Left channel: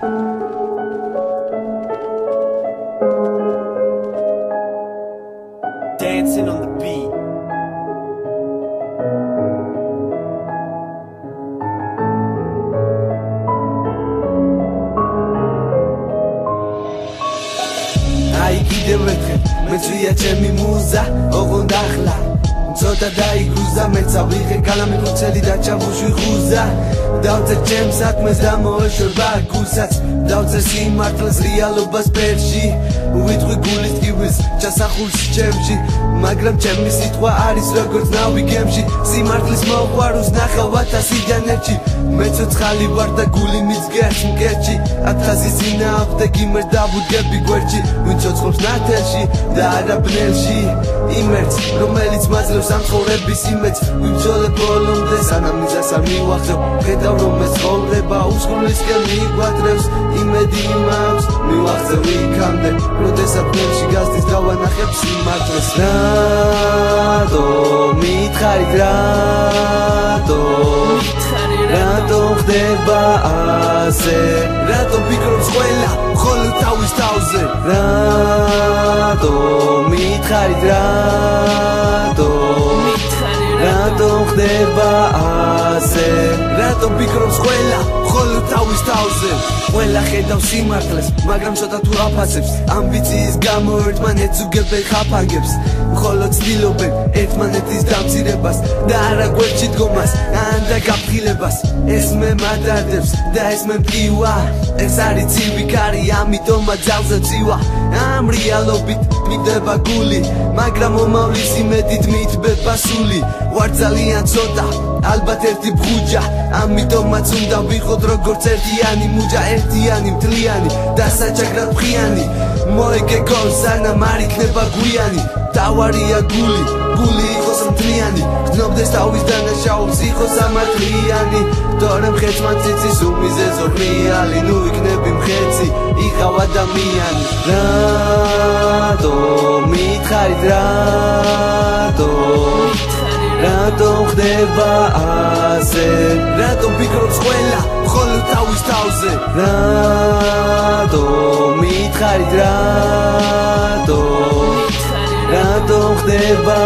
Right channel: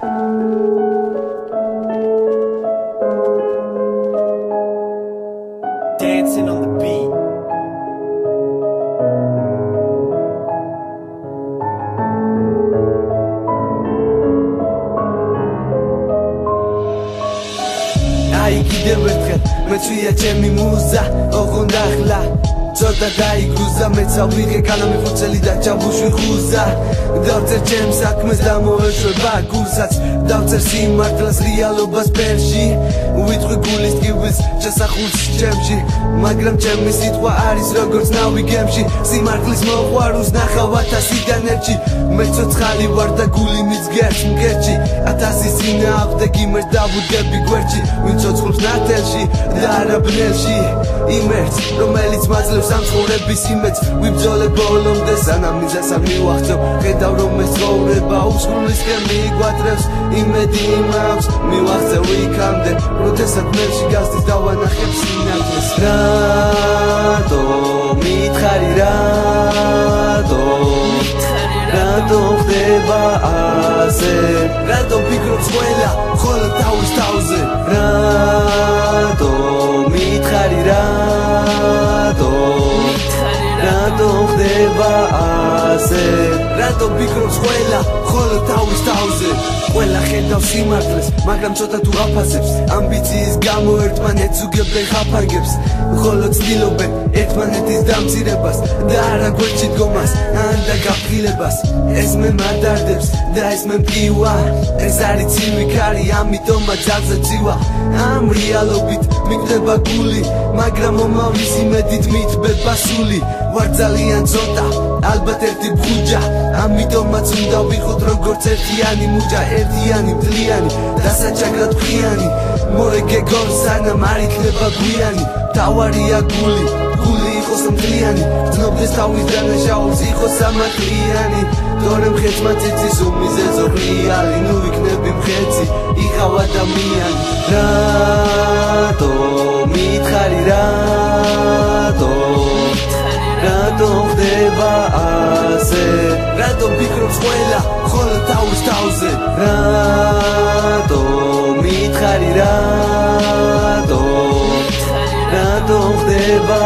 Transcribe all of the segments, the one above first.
Dancing on the beat. Ai კიდევ ერთხელ მეწვია ჩემი მუზა ოღონდ ახლა ცოტა დაიგრუზა მეცა ვიღე კალამი ფუცელი და ჩამბუშვი ხუზა დავწერ ჩემს საქმეს და მოეშვება გულსაც დავწერ სიმართლეს რეალობას ფერში ვიტყვი გულის ტკივილს ჩასახულს ჩემში მაგრამ ჩემი სიტყვა არის როგორც ნავი გემში სიმართლის მოყვარულს ნახავ 1000-დან ერთში მე ცოცხალი ვარ და გული მიცგერს მკერჩი 1000 წინააღმდეგ იმერს დავუდგები გვერდში ვინ ცოცხლობს ნათელში და არა ბნელში იმერს რომელიც მაძლევს ამ ცხოვრების იმედს ვიბრძოლებ ბოლომდე სანამ მიზანს არ მივახცევ ხედავ რომ ეს ცხოვრება უსხლისკენ მიგვატრევს იმედი მაქვს მივახცევ იქამდე როდესაც ბნელში გასდის დავანახებ სიმართლეს რატომ მითხარი რატომ ხდება ასე რატომ ფიქრობს ყველა მხოლოდ თავის თავზე რატომ მითხარი რატომ ხდება ასე რატომ ფიქრობს ყველა მხოლოდ თავის თავზე ყველა ხედავს სიმართლეს მაგრამ ცოტა თუ აფასებს ამბიციის გამო ერთმანეთს უგებენ ხაფანგებს ხოლო ცდილობენ ერთმანეთის დამცირებას და არა გვერდში დგომას ან და გაფრთხილებას ეს მე მადადებს და ეს მე მტკივა ეს არის ცივი ქარი ამიტომა ძალზე მწივა ამ რეალობით მიგდება გული მაგრამ მომავლის იმედით მითბება სული ვარ ძალიან ცოტა ალბათ ერთი ბღუჯა ამიტომაც უნდა ვიხოთ როგორც ერთიანი მუჯა ერთიანი მთლიანი და საჩაგრად ფხიანი მოიგე გონს სანამ არ იქნება გვიანი თავარია გული იყოს მთლიანი გრძნობდეს თავის დანაშაულს იყოს ამათლიანი თორემ ხეცმა ციცის უმიზეზო რეალი ნუ იქნები მხეცი იყავ ადამიანი რატომ მითხარი რატომ ხდება ასე რატომ ფიქრობს ყველა მხოლოდ თავის თავზე რატომ მითხარი რატომ ხდება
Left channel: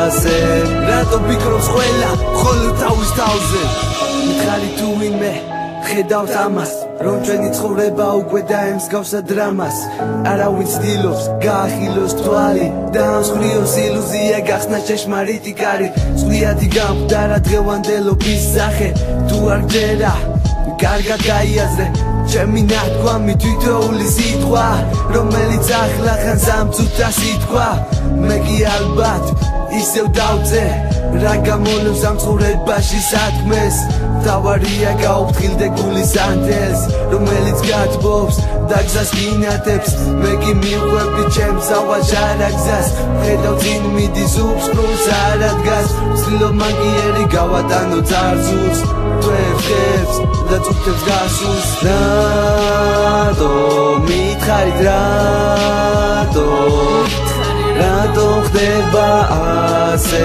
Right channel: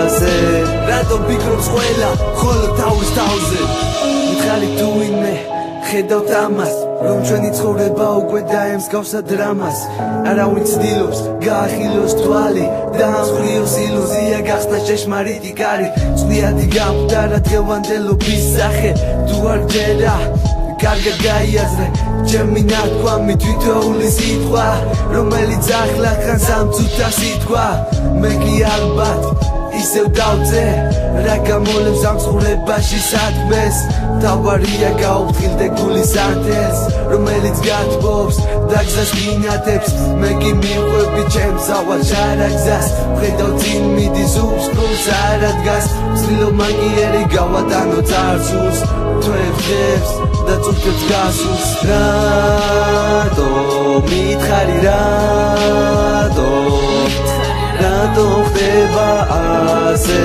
ასე რატომ ფიქრობს ყველა მხოლოდ თავის თავზე მითხარი თუ ვინმე ხედავთ ამას რომ ჩვენი ცხოვრება უკვე დაემსგავსა დრამას არავინ ცდილობს გაახილოს თვალი და ამსხვრიოს ილუზია გახსნა შეშმარიტი კარი წვლიადი გამხდარა დღევანდელობის სახე თუ არ გჯერა კარგად გაიაზრე ჩემი ნათქვამი თვითოული სიტყვა რომელიც ახლა ხანს ამწუთა სიტყვა მე კი ალბათ ისევ დავწე რა გამოლევს ამ ცხოვრებაში საქმეს თავარია გაუფრთხილდე გულის ანთელს რომელიც გათბობს და გზას გინათებს მე კი მიყვები ჩემს ავალ ჟარაგზას ხედავ წინ მიდის უფსკრულს არა დგას ვცდილობ მაგიერი გავატანო წარსულს თვებს და წუთებს გასულს რატომ მითხარი რატომ ხდება ასე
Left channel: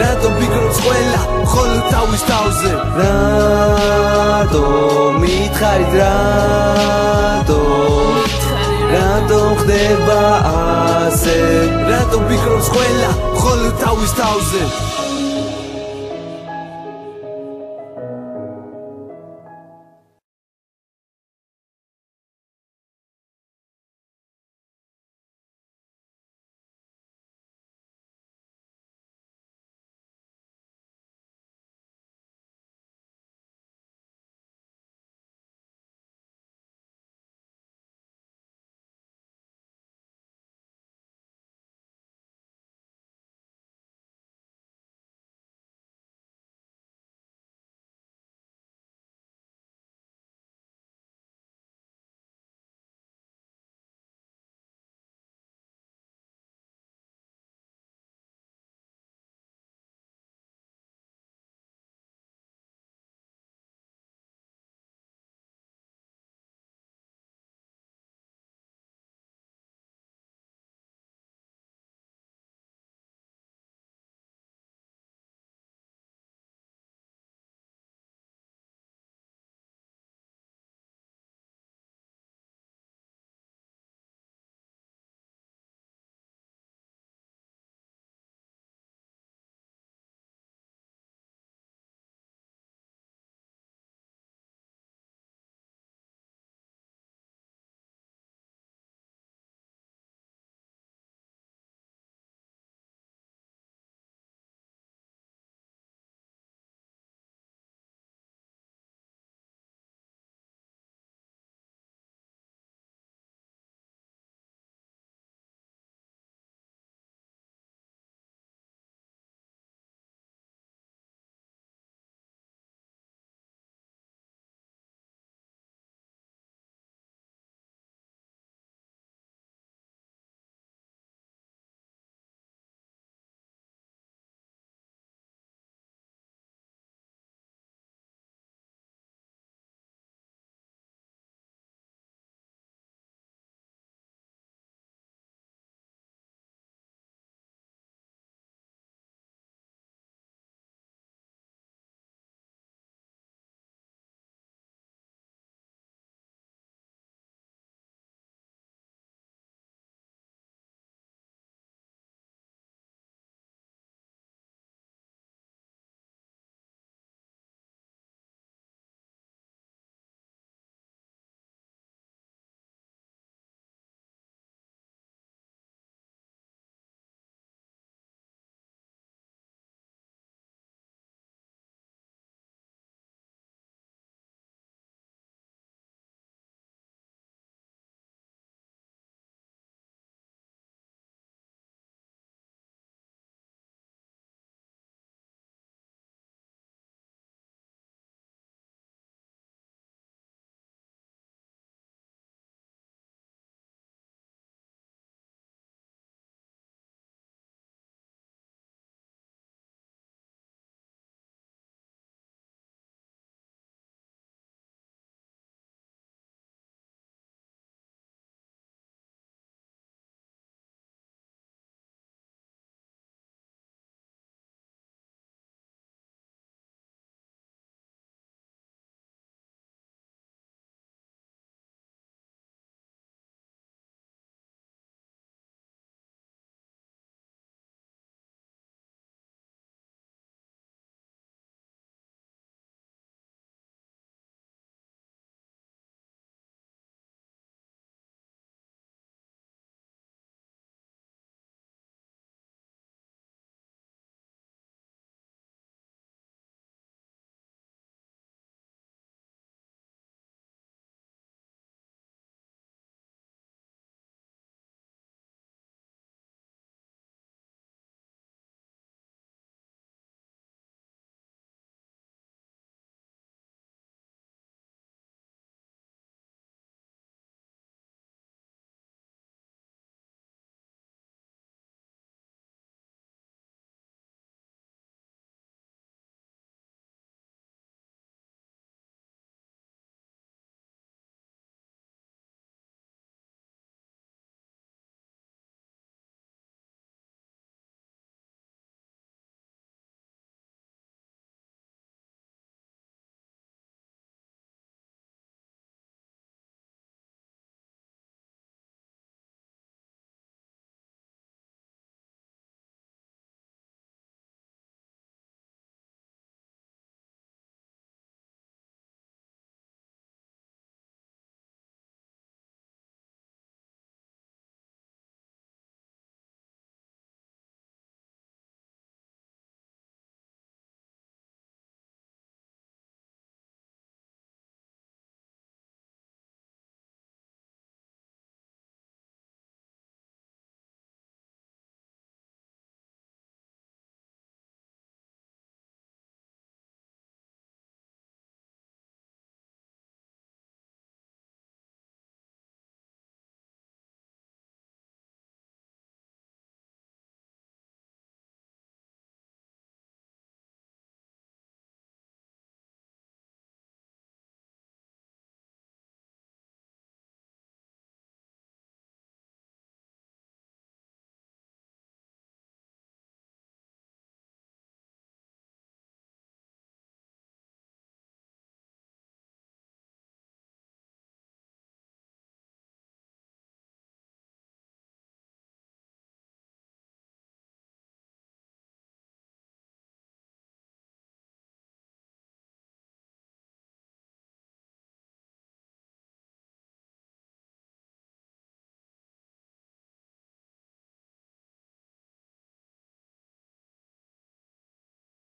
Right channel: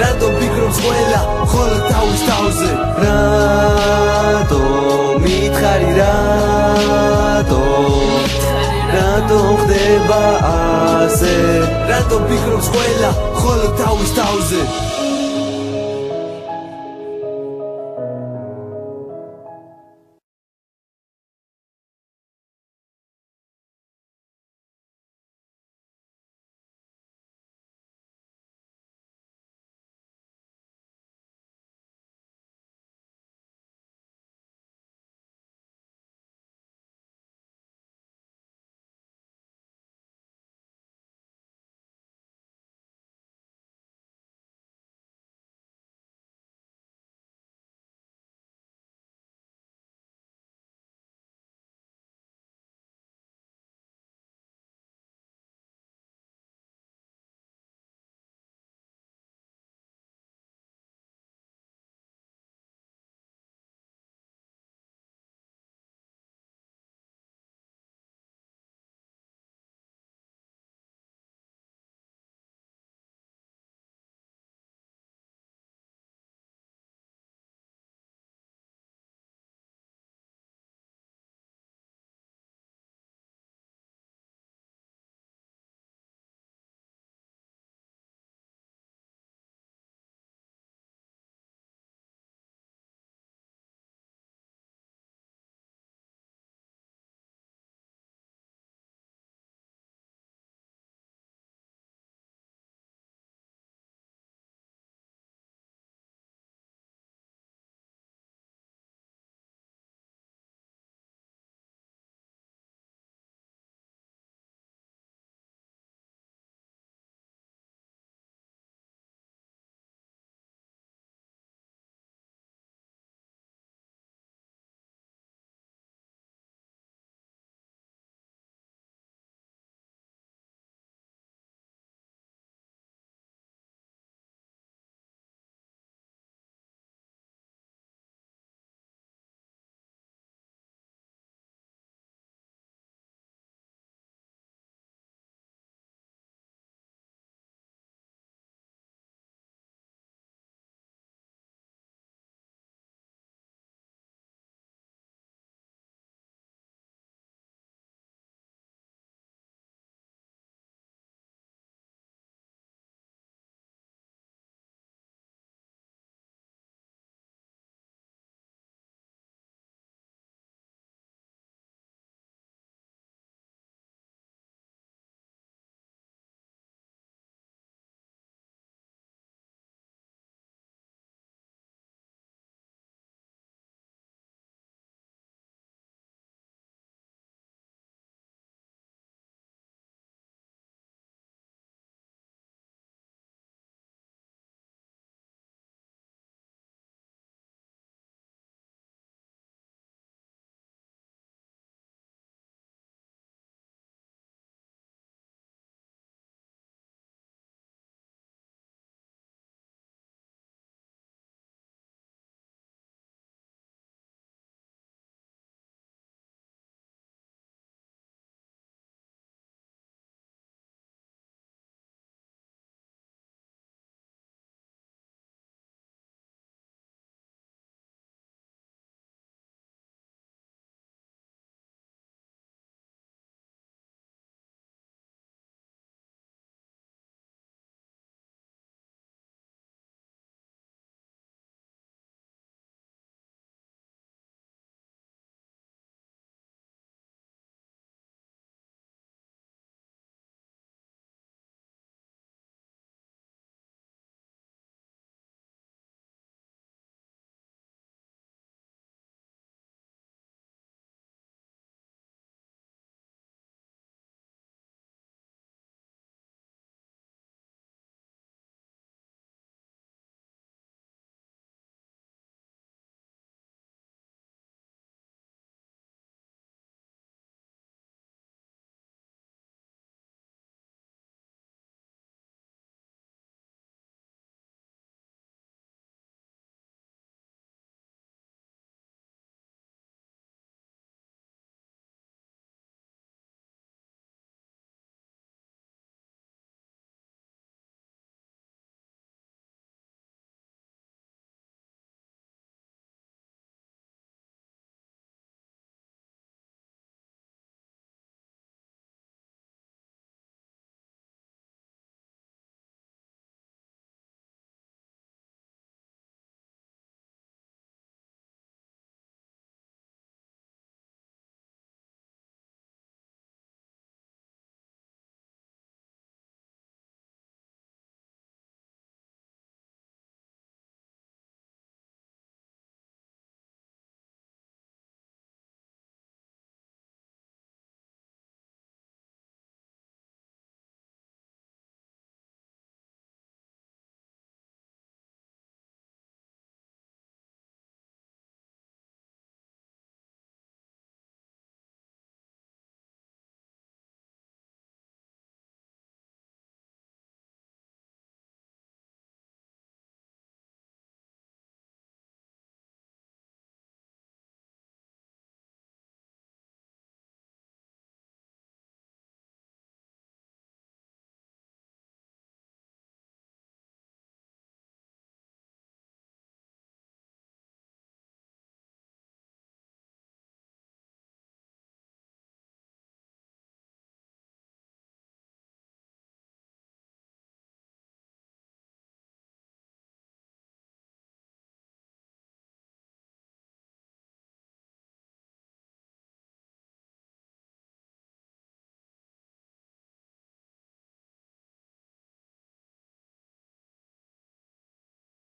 რატომ ფიქრობს ყველა მხოლოდ თავის თავზე რატომ მითხარი რატომ ხდება ასე რატომ ფიქრობს ყველა მხოლოდ თავის თავზე